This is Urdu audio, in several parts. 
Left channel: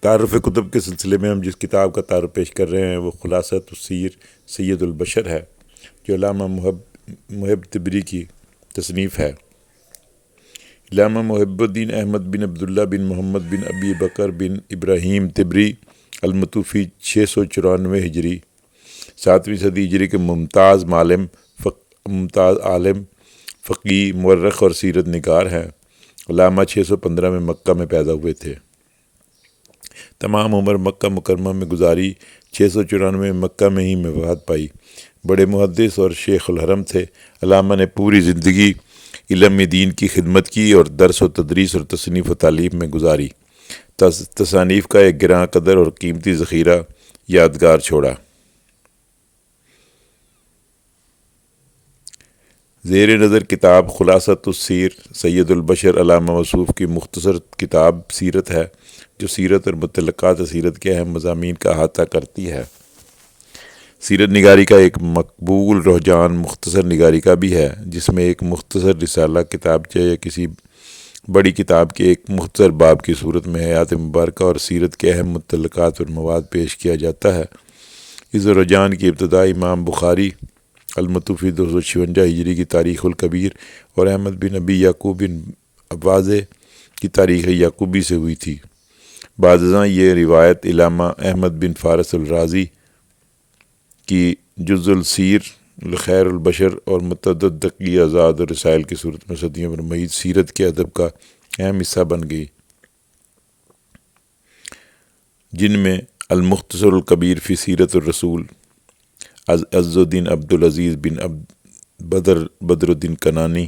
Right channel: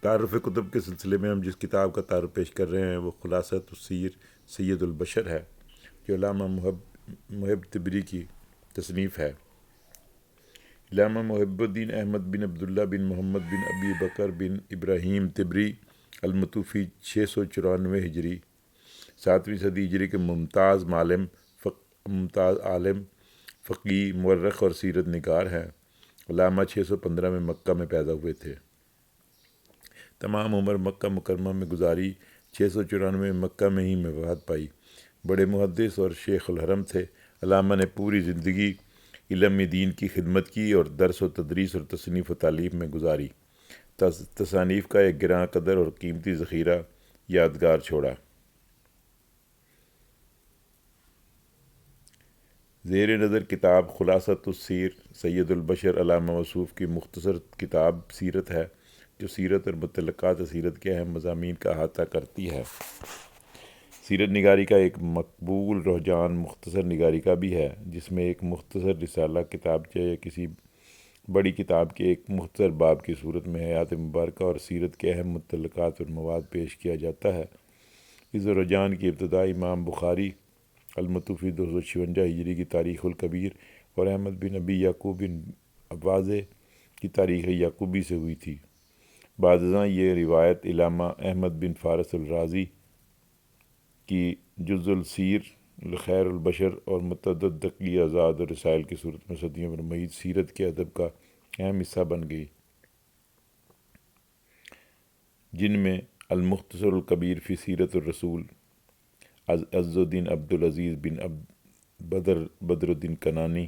تعارف کتب کے سلسلے میں ہم جس کتاب کا تعارف پیش کر رہے ہیں وہ خلاصۃ السیر سید البشر ہے، جو علامہ محب تبری کی تصنیف ہے۔ علامہ محب الدین احمد بن عبداللہ بن محمد بن ابی بکر بن ابراہیم تبری المتوفی 694 ہجری 7ویں صدی ہجری کے ممتاز عالم، فقی، مورخ اور سیرت نگار ہیں۔ علامہ 615 میں مکہ میں پیدا ہوئے تھے۔ تمام عمر مکہ مکرمہ میں گزاری، 694 میں مکہ میں ہی وفات پائی۔ بڑے محدث اور شیخ الحرم تھے۔ علامہ نے پوری زندگی علم دین کی خدمت کی اور درس و تدریس اور تصنیف و تعلیم میں گزاری۔ تصانیف کا ایک گراں قدر اور قیمتی ذخیرہ یادگار چھوڑا۔ زیر نظر کتاب خلاصۃ السیر سید البشر علامہ موصوف کی مختصر کتاب سیرت ہے، جو سیرت اور متعلقات سیرت کے اہم مضامین کا احاطہ کرتی ہے۔ سیرت نگاری کا ایک مقبول رجحان مختصر نگاری کا بھی ہے، جس میں ایک مختصر رسالہ، کتابچہ یا کسی بڑی کتاب کے ایک مختصر باب کی صورت میں حیات مبارکہ اور سیرت کے اہم متعلقات اور مواد پیش کیا جاتا ہے۔ اس رجحان کی ابتدا امام بخاری المتوفی 256 ہجری کی تاریخ الکبیر اور احمد بن ابی یعقوب بن واضح کی تاریخ یعقوبی سے ہوئی تھی۔ بعد ازاں یہ روایت علامہ احمد بن فارس الرازی کی جز السیر خیر البشر اور متعدد دقیق آزاد اور رسائل کی صورت میں صدیوں پر محیط سیرت کے ادب کا اہم حصہ بن گئی، جن میں المختصر الکبیر فی سیرت الرسول عز الدین عبدالعزیز بن بدر الدین کنانی،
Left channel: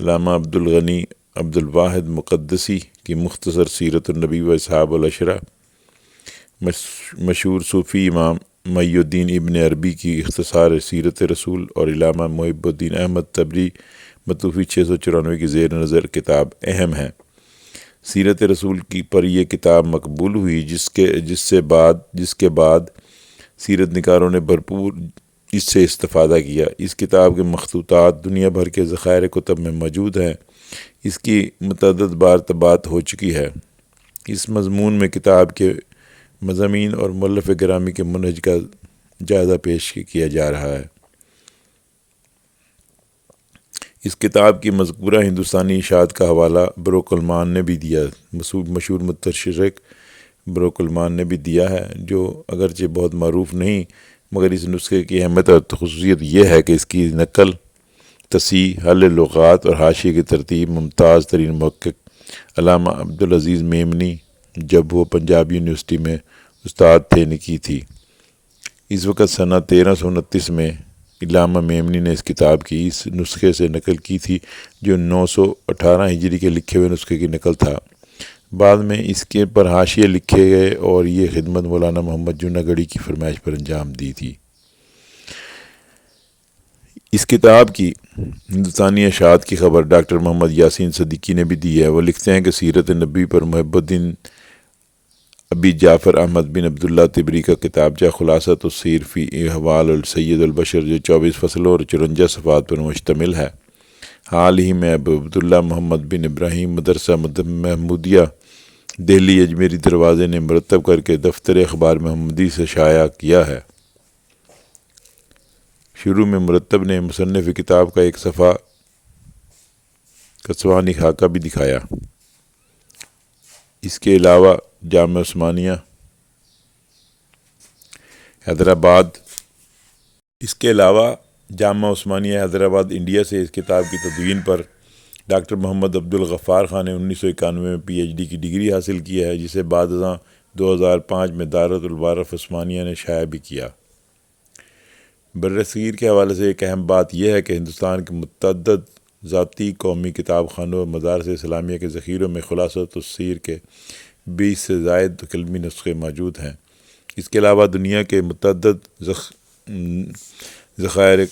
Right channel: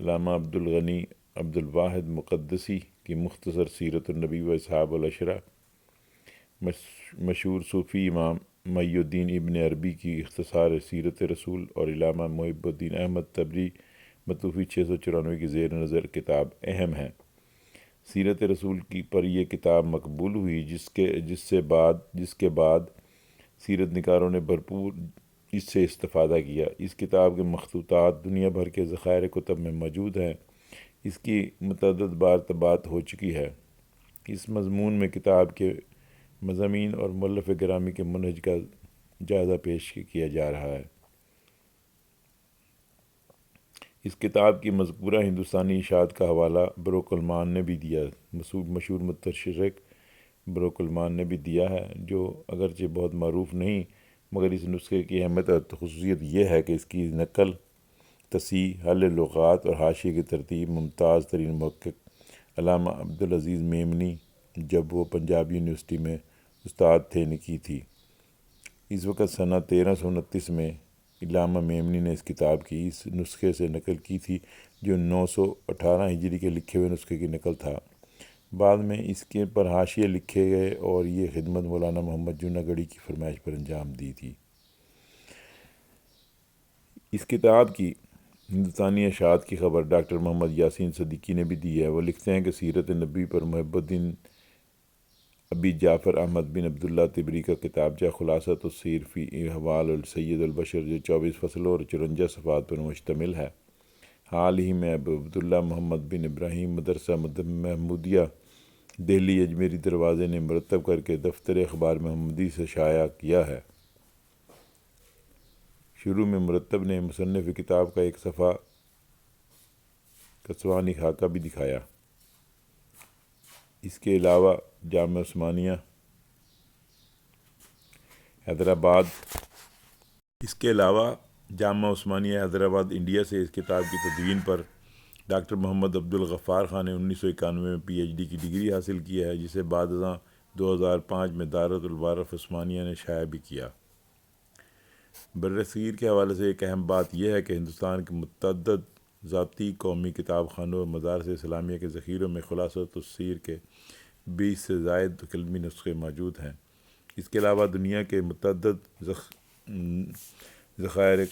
علامہ عبدالغنی عبدالواحد مقدسی کی مختصر سیرت النبی و اصحاب العشرہ، مشہور صوفی امام محی الدین ابن عربی کی اختصار سیرت رسول، اور علامہ محب الدین احمد تبری متوفی 694 کی زیر نظر کتاب اہم ہے۔ سیرت رسول کی پر یہ کتاب مقبول ہوئی، جس کے بعد سیرت نگاروں نے بھرپور اس سے استفادہ کیا۔ اس کتاب کے مخطوطات دنیا بھر کے ذخائر کتب میں موجود ہیں۔ اس کی متعدد بار طباعت ہو چکی ہے۔ اس مضمون میں کتاب کے مضامین اور مؤلف گرامی کے منہج کا جائزہ پیش کیا جا رہا ہے۔ اس کتاب کی مذکورہ ہندوستانی اشاعت کا حوالہ بروک المان نے بھی دیا، مشہور متشرق بروک المان نے بھی دیا ہے، جو اگرچہ بہت معروف نہیں، مگر اس نسخے کی اہمیت اور خصوصیت یہ ہے کہ اس کی نقل، تصحیح، حل لغات اور حاشیے کی ترتیب ممتاز ترین محقق علامہ عبدالعزیز میمنی، جب وہ پنجاب یونیورسٹی میں استاد تھے، نے کی تھی۔ اس وقت سنہ 1329 میں علامہ میمنی نے اس کتاب کی اس نسخے سے نقل کی تھی، جو 918 ہجری کے لکھے ہوئے نسخے کی نقل تھا۔ بعد میں اس کے پر حاشیے لکھے گئے اور یہ خدمت مولانا محمد جوناگڑھی کی فرمائش پر انجام دی تھی۔ اس کتاب کی ہندوستانی اشاعت کی خبر ڈاکٹر محمد یاسین صدیقی نے بھی دی ہے۔ وہ لکھتے ہیں کہ سیرت نبی پر محب الدین ابی جعفر احمد بن عبداللہ تبری کا کتابچہ خلاصۃ السیر فی احوال السید البشر، جو 24 فصلوں اور 54 صفحات پر مشتمل ہے، حال ہی میں ابو عبداللہ محمد بن ابراہیم مدرسہ محمودیہ دہلی اجمیری دروازے نے مرتب کر کے دفتر اخبار محمدی سے شائع کیا ہے۔ شروع میں مرتب نے مصنف کتاب کا ایک صفحہ کسوانی خاکہ بھی دکھایا۔ اس کے علاوہ جامعہ عثمانیہ حیدرآباد انڈیا سے اس کتاب کی تدوین پر ڈاکٹر محمد عبدالغفار خان نے 1991 میں پی ایچ ڈی کی ڈگری حاصل کی ہے، جسے بعد ازاں 2005 میں دارت الوارف عثمانیہ نے شائع بھی کیا۔ برصغیر کے حوالے سے ایک اہم بات یہ ہے کہ ہندوستان کے متعدد ذاتی قومی کتاب خانوں اور مدارس اسلامیہ کے ذخیروں میں خلاصۃ السیر کے 20 سے زائد قلمی نسخے موجود ہیں۔ اس کے علاوہ دنیا کے متعدد ذخائر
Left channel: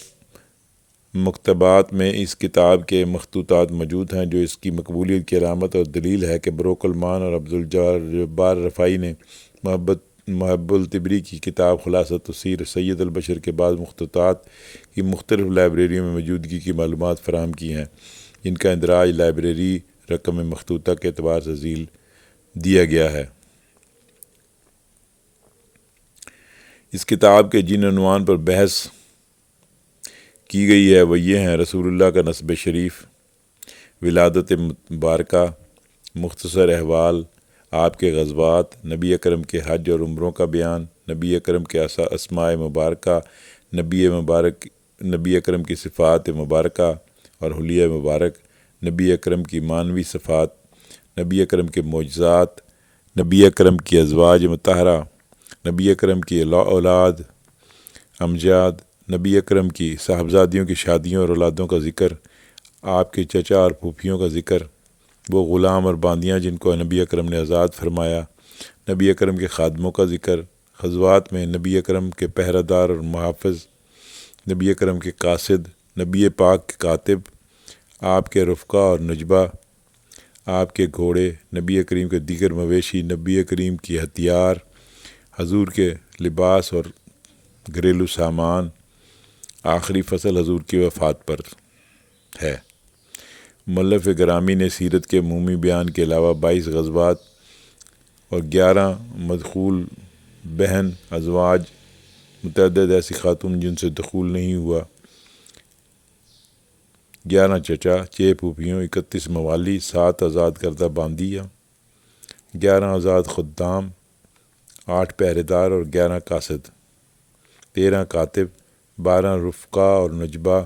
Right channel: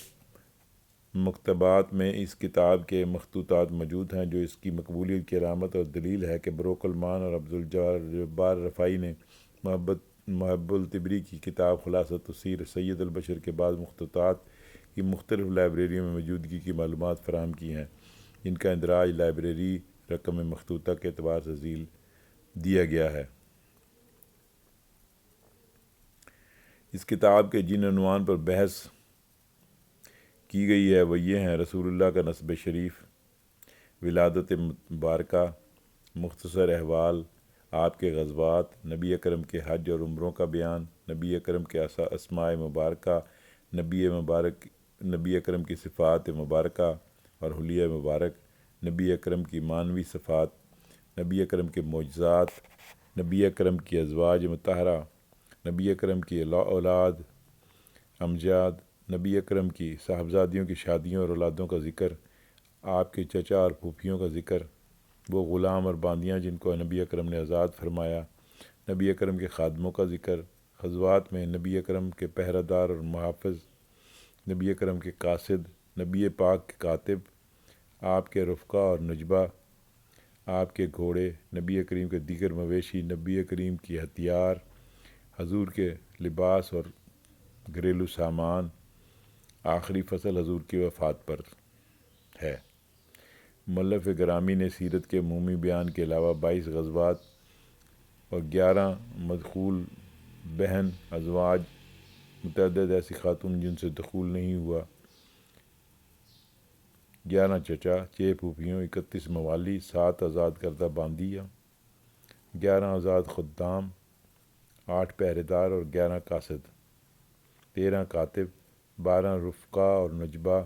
مکتبات میں اس کتاب کے مخطوطات موجود ہیں، جو اس کی مقبولیت کی علامت اور دلیل ہے کہ بروک المان اور عبدالجبار رفاعی نے محب التبری کی کتاب خلاصۃ السیر سید البشر کے بعد مخطوطات کی مختلف لائبریریوں میں موجودگی کی معلومات فراہم کی ہیں، جن کا اندراج لائبریری رقم مخطوطہ کے اعتبار سے ذیل دیا گیا ہے۔ اس کتاب کے جن عنوان پر بحث کی گئی ہے وہ یہ ہیں: رسول اللہ کا نسب شریف، ولادت مبارکہ، مختصر احوال، آپ کے غزوات، نبی اکرم کے حج اور عمروں کا بیان، نبی اکرم کے اسماء مبارکہ، نبی اکرم کی صفات مبارکہ اور حلیہ مبارک، نبی اکرم کی معنوی صفات، نبی اکرم کے معجزات، نبی اکرم کی ازواج مطہرہ، نبی اکرم کی اولاد امجاد، نبی اکرم کی صاحبزادیوں کی شادیوں اور اولادوں کا ذکر، آپ کے چچا اور پھوپھیوں کا ذکر، وہ غلام اور باندیاں جن کو نبی اکرم نے آزاد فرمایا، نبی اکرم کے خادموں کا ذکر، غزوات میں نبی اکرم کے پہرہ دار اور محافظ، نبی اکرم کے قاصد، نبی پاک کے کاتب، آپ کے رفقا اور نجبہ، آپ کے گھوڑے، نبی کریم کے دیگر مویشی، نبی کریم کی ہتھیار، حضور کے لباس اور گھریلو سامان، آخری فصل حضور کی وفات پر ہے۔ مؤلف گرامی نے سیرت کے عمومی بیان کے علاوہ 22 غزوات اور 11 مدخول بہن ازواج، متعدد ایسی خاتون جن سے دخول نہیں ہوا، 11 چچا، 6 پھوپھیوں، 31 موالی، 7 آزاد کردہ باندیاں، 11 آزاد خدام، 8 پہرے دار اور 11 قاصد، 13 کاتب، 12 رفقا اور نجبہ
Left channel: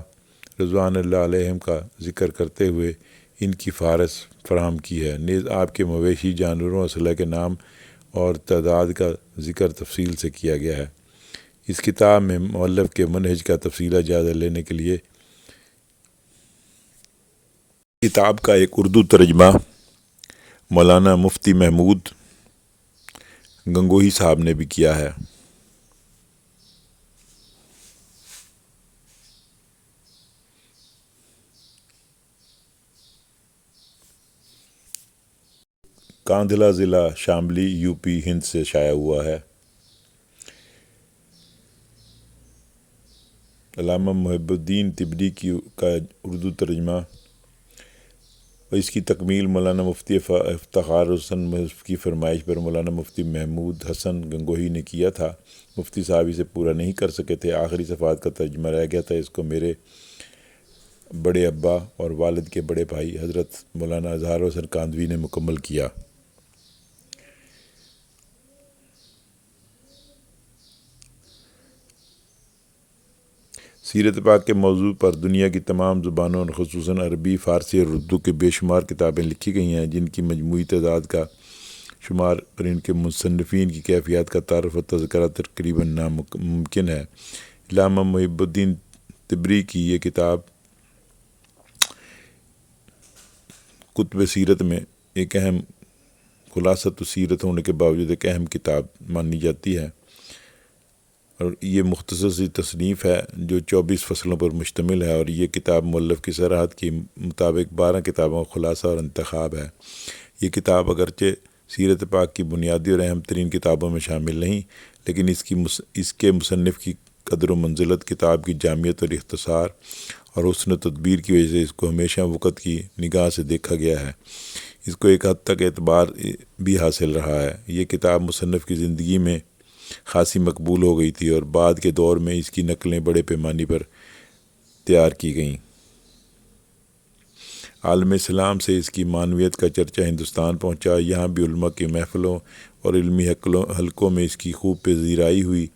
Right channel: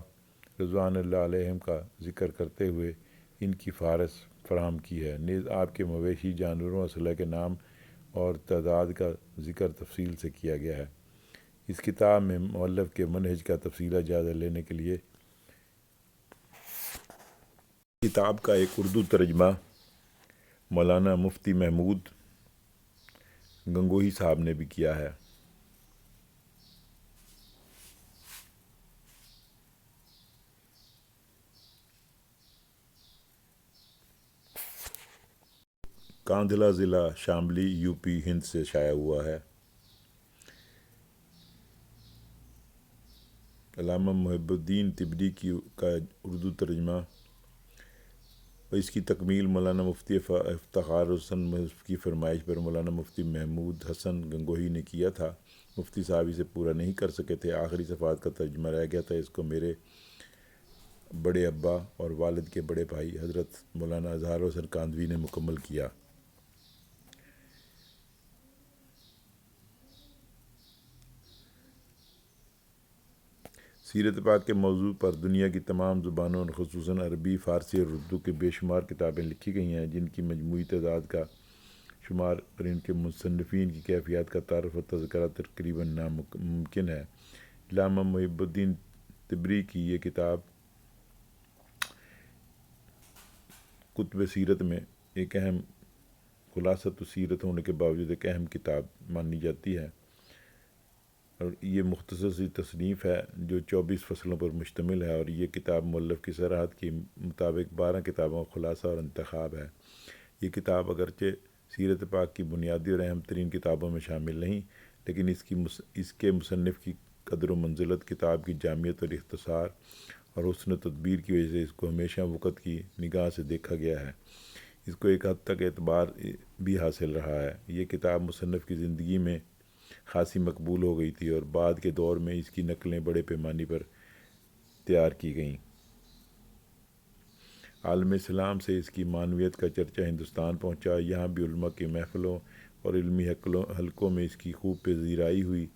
رضوان اللہ علیہم کا ذکر کرتے ہوئے ان کی فہرست فراہم کی ہے۔ نیز آپ کے مویشی، جانوروں، اسلحہ کے نام اور تعداد کا ذکر تفصیل سے کیا گیا ہے۔ اس کتاب میں مؤلف کے منہج کا تفصیلی جائزہ لینے کے لیے کتاب کا ایک اردو ترجمہ مولانا مفتی محمود گنگوہی صاحب نے بھی کیا ہے۔ کاندھلہ ضلع شاملی، یوپی ہند سے شائع ہوا ہے۔ علامہ محب الدین تبری کا اردو ترجمہ اور اس کی تکمیل مولانا مفتی افتخار حسن کی فرمائش پر مولانا مفتی محمود حسن گنگوہی نے کیا تھا۔ مفتی صاحب اسے پورا نہیں کر سکے تھے، آخری صفحات کا ترجمہ رہ گیا تھا۔ اس کو میرے بڑے ابا اور والد کے بڑے بھائی حضرت مولانا اظہار حسن کاندھوی نے مکمل کیا۔ سیرت پاک کے موضوع پر دنیا کی تمام زبانوں اور خصوصاً عربی، فارسی اور اردو کے بے شمار کتابیں لکھی گئی ہیں، جن کی مجموعی تعداد کا شمار اور ان کے مصنفین کی کیفیات کا تعارف و تذکرہ تقریباً ناممکن ہے۔ علامہ محب الدین تبری کی یہ کتاب کتب سیرت میں ایک اہم خلاصۃ سیرت ہونے کے باوجود ایک اہم کتاب مانی جاتی ہے، اور یہ مختصر سی تصنیف ہے جو 24 فصلوں پر مشتمل ہے، اور یہ کتاب مؤلف کی صراحت کے مطابق 12 کتابوں کا خلاصہ اور انتخاب ہے۔ یہ کتاب اگرچہ سیرت پاک کی بنیادی اور اہم ترین کتابوں میں شامل نہیں، لیکن اس کے مصنف کی قدر و منزلت، کتاب کی جامعیت اور اختصار اور حسن و تدبیر کی وجہ سے اس کو ہمیشہ وقت کی نگاہ سے دیکھا گیا ہے۔ اس کو ایک حد تک اعتبار بھی حاصل رہا ہے۔ یہ کتاب مصنف کی زندگی میں خاصی مقبول ہو گئی تھی اور بعد کے دور میں اس کی نقلیں بڑے پیمانے پر تیار کی گئیں۔ عالم اسلام سے اس کی معنویت کا چرچہ ہندوستان پہنچا، یہاں بھی علماء کی محفلوں اور علمی حلقوں میں اس کی خوب پذیرائی ہوئی۔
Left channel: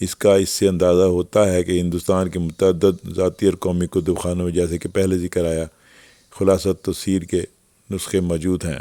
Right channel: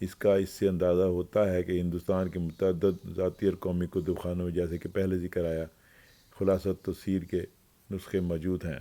اس سے اندازہ ہوتا ہے کہ ہندوستان کے متعدد ذاتی اور قومی کتب خانوں میں، جیسے کہ پہلے ذکر آیا، خلاصۃ تفسیر کے نسخے موجود ہیں۔